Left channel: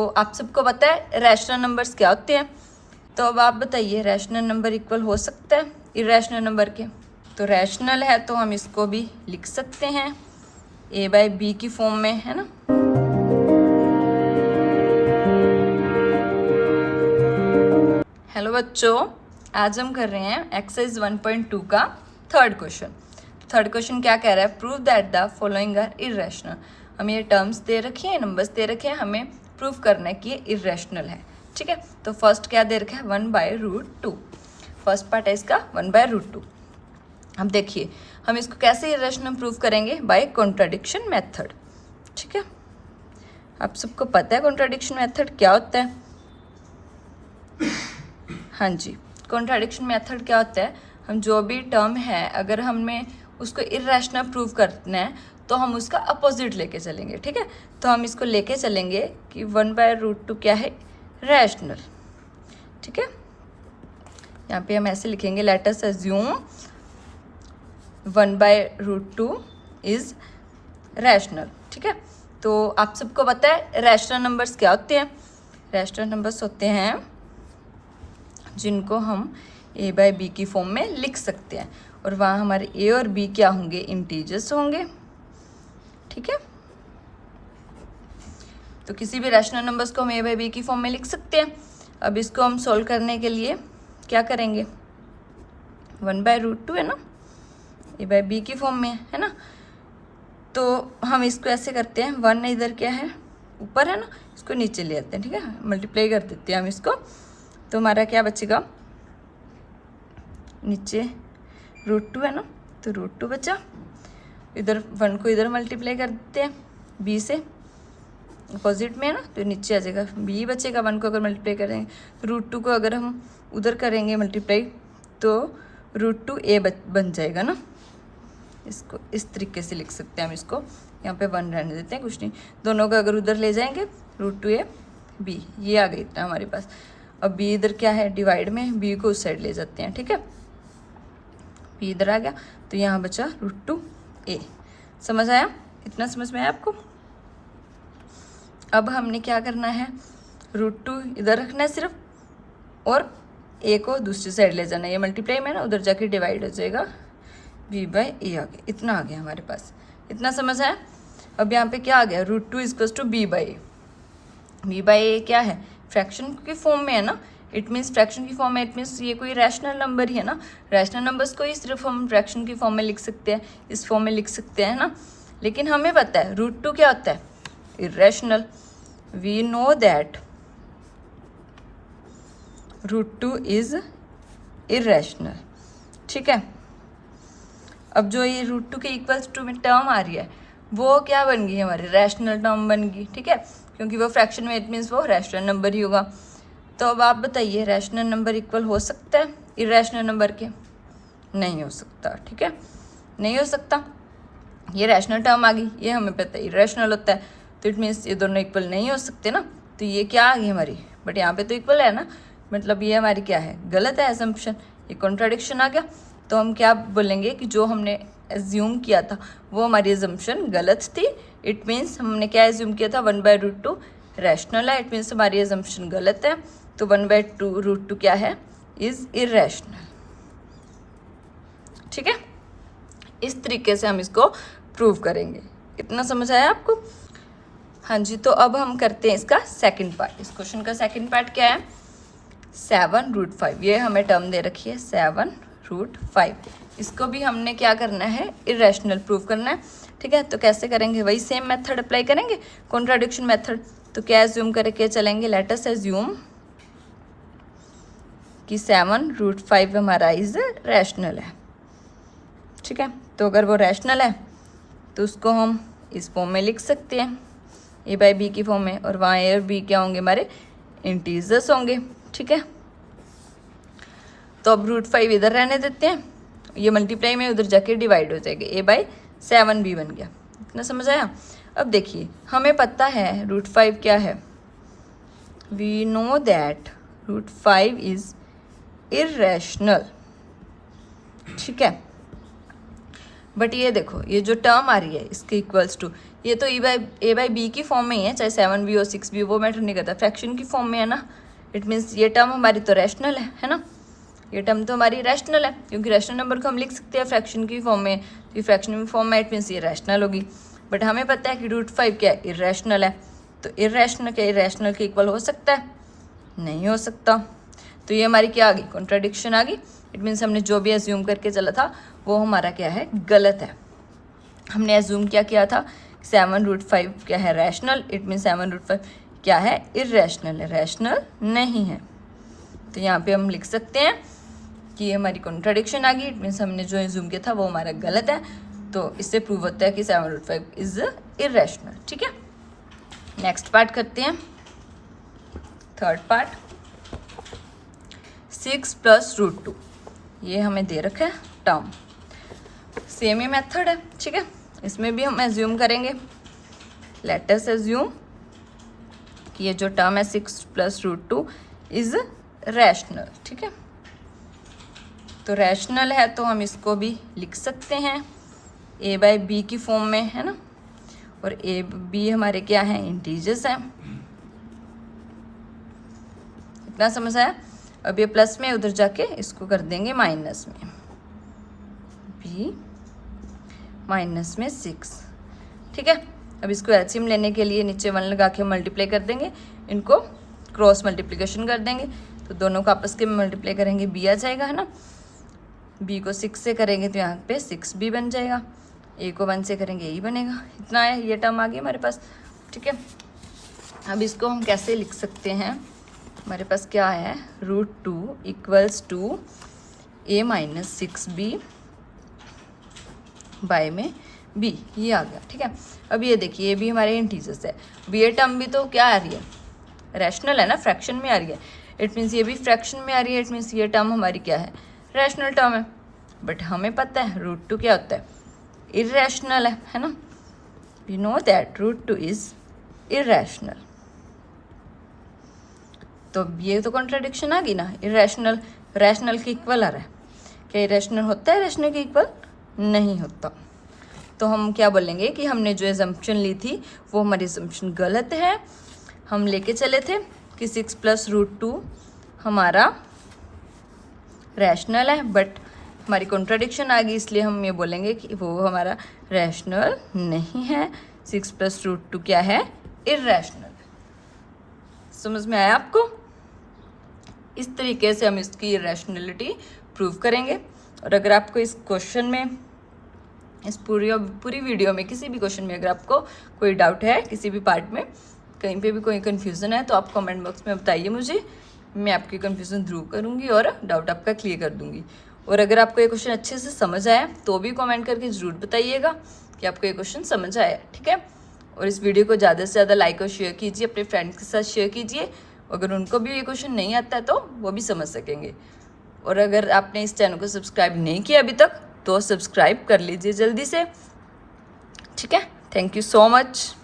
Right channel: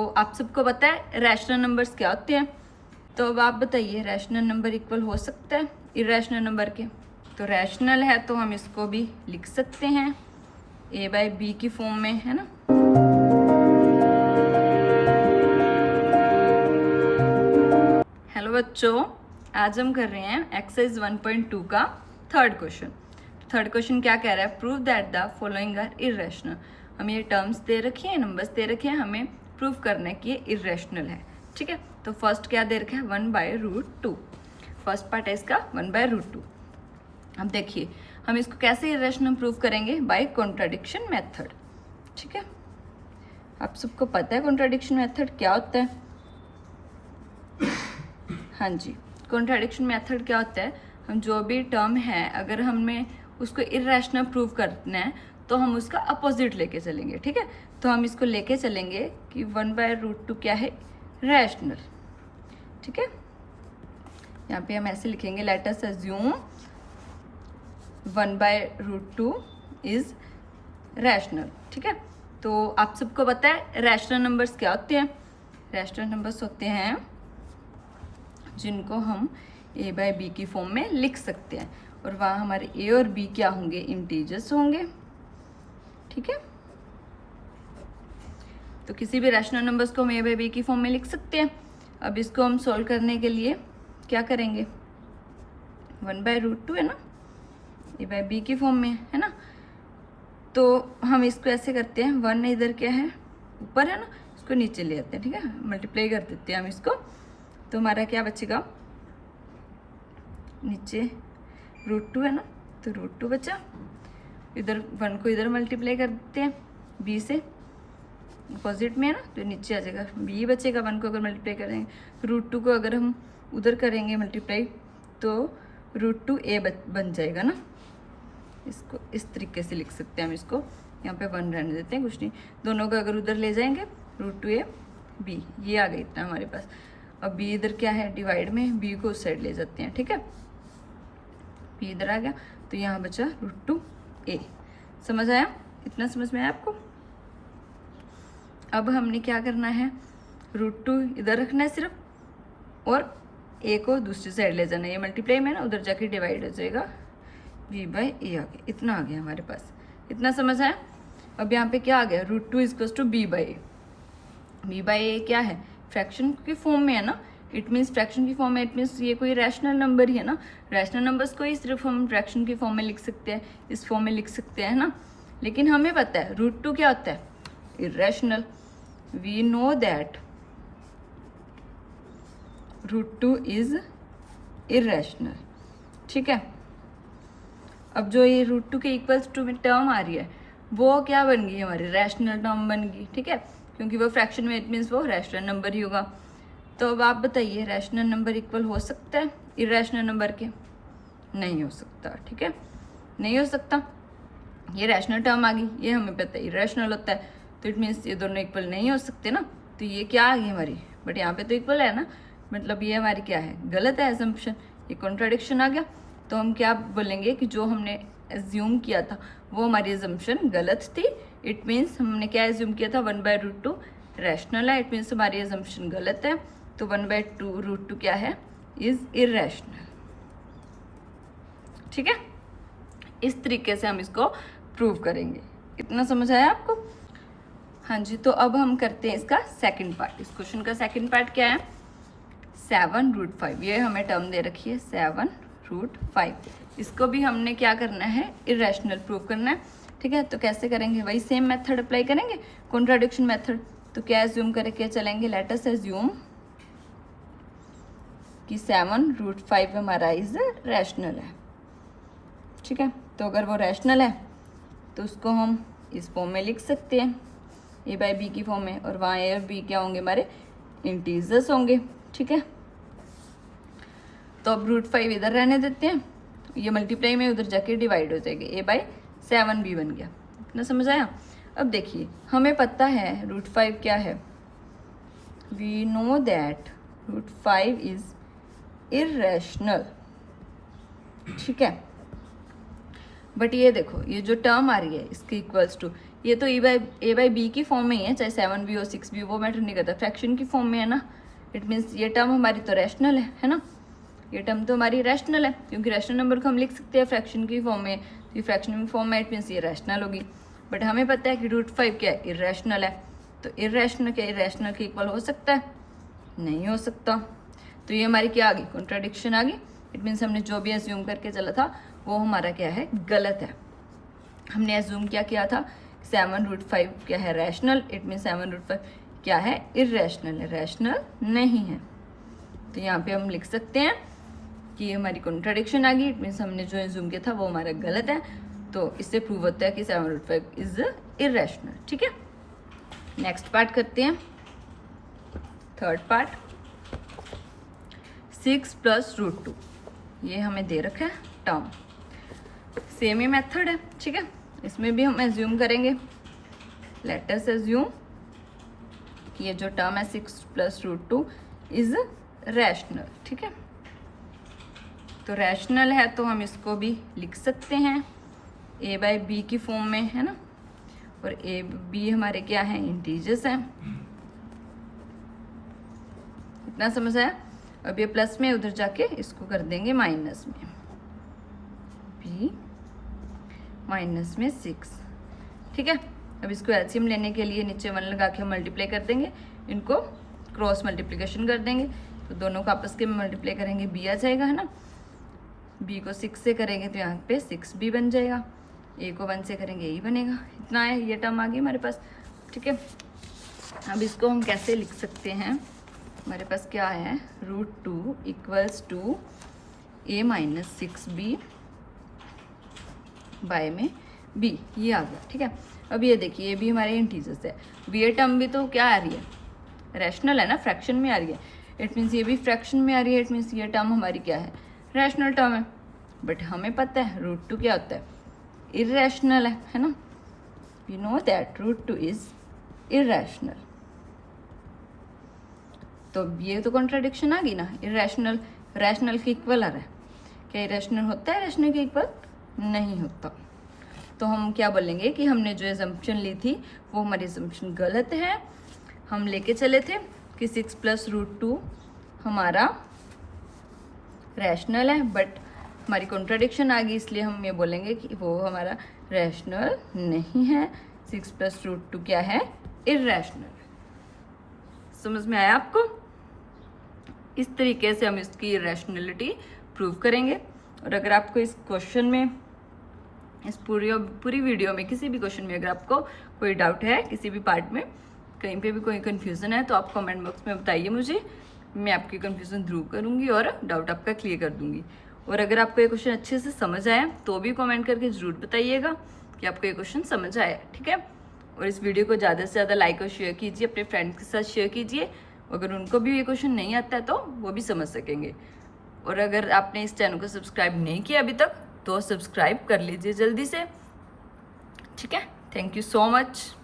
तो आप सबको पता है रैशनल नंबर्स क्या होते हैं, तो अब आप बताइए रैशनल नंबर इक्वल हो सकता है इरेशनल नंबर के? तो रैशनल है तो हम इसको भी लिख सकते हैं a/b की फॉर्म में, है ना। हेलो बच्चों, आज हम कर रहे हैं एक्सरसाइज 1.2 का थर्ड क्वेश्चन। थर्ड क्वेश्चन क्या कह रहा है? Prove that the following are irrational. हमें ये टर्म्स दे रखी है, नंबर्स दे रखे हैं, हमें प्रूव करना है कि ये इरेशनल है। ठीक है, तो फर्स्ट क्या दे रखा है? 1/√2। फर्स्ट पार्ट है इसका 1/√2। अब देखिए हम इसको कैसे इरेशनल प्रूव करेंगे? By contradiction method. ठीक है, आप सबको पता है कॉन्ट्राडिक्शन मेथड क्या होता है? हाँ जी, कॉन्ट्राडिक्शन मेथड क्या होता है? हम जो भी टर्म है अगर हमें उसको इरेशनल प्रूव करना है तो हम उसका अपोजिट लेके चलेंगे। ठीक है, तो हम इसको लेके चलेंगे कि 1/√2 क्या है? रैशनल। ठीक है, यहाँ पे हम ऐसे लिखेंगे, let us assume 1/√2 is rational. ठीक है, तो आप सबको पता है रैशनल नंबर्स क्या होते हैं? रैशनल नंबर्स होते हैं जिनको हम a/b की फॉर्म में लिख सकते हैं और वहाँ हमारे a और b क्या होंगे? इंटीजर्स होंगे। ठीक है, तो किसी भी रैशनल नंबर्स को हम a/b की फॉर्म में लिख सकते हैं। अब इसको हम सोल्व करने के लिए क्या करेंगे? 1/√2 है ना, a/b की फॉर्म में है ना, तो हम इसको ऐसे करते हैं, 1 इधर क्या है? ऊपर है ना, इसको नीचे ले आते हैं। ठीक है, मल्टीप्लाई कर देते हैं हम इसको, तो हमारा क्या बचेगा? नीचे √2 है ना, तो √2 बचा। इधर 1 को इधर मल्टीप्लाई कर देते हैं b से, अपोजिट में है ना, तो नीचे आ जाएगा b बचेगा। 1 को अगर मल्टीप्लाई करेंगे, √2 को अगर हम उधर करेंगे मल्टीप्लाई तो √2a बन जाएगा ना। इसको इस तरीके से लिख सकते हैं हम। इसको यहाँ पे 1 रहने देते हैं, कुछ नहीं, दोनों को अगर उधर ले जाएंगे √2a b, ये आ गई इतना हमारे पास। अब b इधर क्या है? डिवाइड में, b को उस साइड ले जाते हैं। ठीक है, b इधर आ गया, तो यहाँ बचा √2a। समझ आया? इतना समझ में आया आपको? अब हमने क्या करना है? √2 इधर रखना है सिर्फ, और a को दूसरी साइड ले जाना है। ये मल्टीप्लाई में ना, उधर जाके डिवाइड हो जाएगा, b/a आ गया। इतना आ गया हमारे पास। इतना समझ आया? अब यहाँ पे क्या आ गया? √2 = b/a। b/a क्या है? फ्रैक्शन की फॉर्म में है ना, इट मीन्स फ्रैक्शन की फॉर्म में, इट मीन्स ये कोई रैशनल नंबर ही है ना। रैशनल नंबर्स को ही सिर्फ हम फ्रैक्शन की फॉर्म में लिख सकते हैं, इस फॉर्म में लिख सकते हैं ना। लेकिन हमें पता है √2 क्या होता है? Irrational. We know that √2 is irrational. ठीक है, अब जो ये √2 के इक्वल्स टू में टर्म आ रही है वो क्या बन गई? हमारी रैशनल टर्म बन गई। ठीक है, क्योंकि वो फ्रैक्शन में, इट मीन्स वो रैशनल नंबर ही होगा। तो अब आप बताइए रैशनल नंबर इक्वल हो सकता है इरेशनल नंबर के? नहीं हो सकता। ठीक है, नहीं हो सकता। ये रैशनल टर्म आ गई, ये हमें पता है इरेशनल होता है, तो इट मीन्स ये दोनों इक्वल नहीं हो सकते ना। तो ये क्या आ गई हमारी? बट यहाँ पे तो इक्वल है ना, मतलब ये हमारी क्या है? गलत है असम्पशन, ये कॉन्ट्राडिक्शन आ गया। तो हम क्या बोलेंगे कि जो हमने एज्यूम किया था वो हमारी एजम्पशन गलत थी। इट मीन्स हमने क्या एज्यूम किया था? 1/√2 रैशनल है, इट मीन्स हमारी एजम्पशन गलत है। तो 1/√2 क्या है? Is irrational. ठीक है, इस तरीके से हम इसको प्रूव करेंगे। इतना समझ आया आपको? हाँ जी, तो अब हम करते हैं इसका सेकंड पार्ट। इस क्वेश्चन का सेकंड पार्ट क्या है? 7√5। ये हमें टर्म दे रखी है 7√5। इसको भी हमने क्या करना है? इरेशनल प्रूव करना है। ठीक है, तो कैसे करेंगे? वही सेम मेथड अप्लाई करेंगे, कॉन्ट्राडिक्शन मेथड। तो क्या एज्यूम करके चलेंगे? लेट अस एज्यूम कि 7√5 हमारा इज रैशनल है। ठीक है, तो अगर वो रैशनल है तो उसको हम इस फॉर्म में लिख सकते हैं, a/b की फॉर्म में, और वहाँ a और b क्या होंगे? हमारे इंटीजर्स होंगे। ठीक है, तो अब √5 इधर रहने देते हैं, ये मल्टीप्लाई में उधर जाके डिवाइड हो जाएगा, a/7b बन गया। इतना समझ आया? अब देखिए हमें पता है √5 क्या है? We know that √5 is irrational. ठीक है, बट ये देखो, ये जो टर्म आ रही है इसके इक्वल्स टू, ये तो ए बाई बी की फॉर्म में ही है, चाहे 7b हो 6b वो मैटर नहीं करता, फ्रैक्शन की फॉर्म में है ना। इट मीन्स ये टर्म हमारी तो रैशनल है ना, ये टर्म तो हमारी रैशनल है, क्योंकि रैशनल नंबर को हम लिख सकते हैं फ्रैक्शन की फॉर्म में, ये फ्रैक्शन फॉर्म में, इट मीन्स ये रैशनल होगी। बट हमें पता है कि √5 क्या है, इरेशनल है। तो इरेशनल क्या इरेशनल के इक्वल हो सकता है? नहीं हो सकता। तो ये हमारी क्या आ गई, कॉन्ट्राडिक्शन आ गई। इट मीन्स हमने जो भी एज्यूम करके चला था वो हमारा क्या है, गलत है। हमने एज्यूम क्या किया था, 7√5 क्या है, रैशनल। इट मीन्स 7√5 क्या है, इरेशनल है, रैशनल नहीं है। तो यहाँ पे हम लिख सकते हैं कि ये हमारी कॉन्ट्राडिक्शन आ गई। इट मीन्स हमने जो एज्यूम किया था वो हमारा गलत है। तो इससे प्रूव होता है कि 7√5 इज इरेशनल। ठीक है, नेक्स्ट पार्ट करते हैं, थर्ड पार्ट। 6 + √2 ये हमें दे रखा है टर्म, सेम ही मेथड है। ठीक है, इसमें भी हम एज्यूम करेंगे, लेट अस एज्यूम कि ये जो टर्म है 6 + √2 इज रैशनल। ठीक है, तो रैशनल है तो हम इसको भी लिख सकते हैं a बाई बी की फॉर्म में, है ना। और a b हमारे क्या है, इंटीजर्स हैं। इतना समझ आया। अब ये प्लस में, उधर जाके इसको कर देंगे माइनस में, b माइनस में 6। ठीक है, अब इसको एलसीएम लेने के लिए नीचे 1 लगा के मल्टीप्लाई कर देंगे, इनको क्रॉस मल्टीप्लिकेशन कर देंगे, तो दोनों को आपस के में मल्टीप्लाई करेंगे, b आ जाएगा, है ना। b को 6 से करेंगे तो यहाँ पे 6b बन जाएगा, a को 1 से करेंगे a बनेगा। इतना है, ये टर्म आ गई हमारे पास। ठीक है, अब इसको हम कैसे लिख सकते हैं, हमारे पास क्या है, √2 = a माइनस 6b बाय में b, ये आ गया। ठीक है, अब ये देखिए, ये भी हमारे इंटीजर्स है, b ये टर्म भी तो क्या आ रही है, रैशनल है ना, फ्रैक्शन में आ रही है। इट मीन्स ये भी फ्रैक्शन में आ रही है, इट मीन्स ये टर्म हमारी क्या है, रैशनल टर्म है। बट हमें पता है √2 क्या होता है, इरेशनल है ना। We know that √2 is irrational. तो ये तो कॉन्ट्राडिक्शन आ गई ना, इरेशनल रैशनल के इक्वल आ रहा है। क्या इरेशनल होता है रैशनल के इक्वल? नहीं होता। तो हम क्या बोलेंगे कि हमने जो एजम्पशन ली थी वो हमारी एजम्पशन गलत है। हम लेके चले थे कि 6 + √2 हमारा रैशनल है, बट हमारी कॉन्ट्राडिक्शन आ गई, इसलिए हम ये बोलेंगे कि वो हमारा रैशनल नहीं है। 6 + √2 क्या है, इरेशनल। समझ में आया आपको? इस तरीके से हम इसकी रैशनैलिटी प्रूव करेंगे। और अगर आपको इस क्वेश्चन में, इस पूरी वीडियो में किसी भी क्वेश्चन में अगर आपको कोई डाउट है, किसी भी पार्ट में कहीं पे भी कोई कन्फ्यूज़न है, तो आप कमेंट बॉक्स में बताइए मुझे, मैं आपकी कन्फ्यूज़न दूर करूँगी और डाउट आपका क्लियर कर दूँगी। और अगर आपको ये क्वेश्चन अच्छे से समझ आया तो भी कमेंट करके ज़रूर बताइएगा कि आपको ये क्वेश्चन समझ आया। ठीक है, और इस वीडियो को ज़्यादा से ज़्यादा लाइक और शेयर कीजिए, अपने फ्रेंड्स के साथ शेयर कीजिए। अगर उनको भी ये क्वेश्चन नहीं आता है तो वो भी समझ सकेंगे। और अगर आपने इस चैनल को सब्सक्राइब नहीं किया अभी तक तो सब्सक्राइब कर लीजिए जल्दी से। ठीक है, थैंक यू सो मच।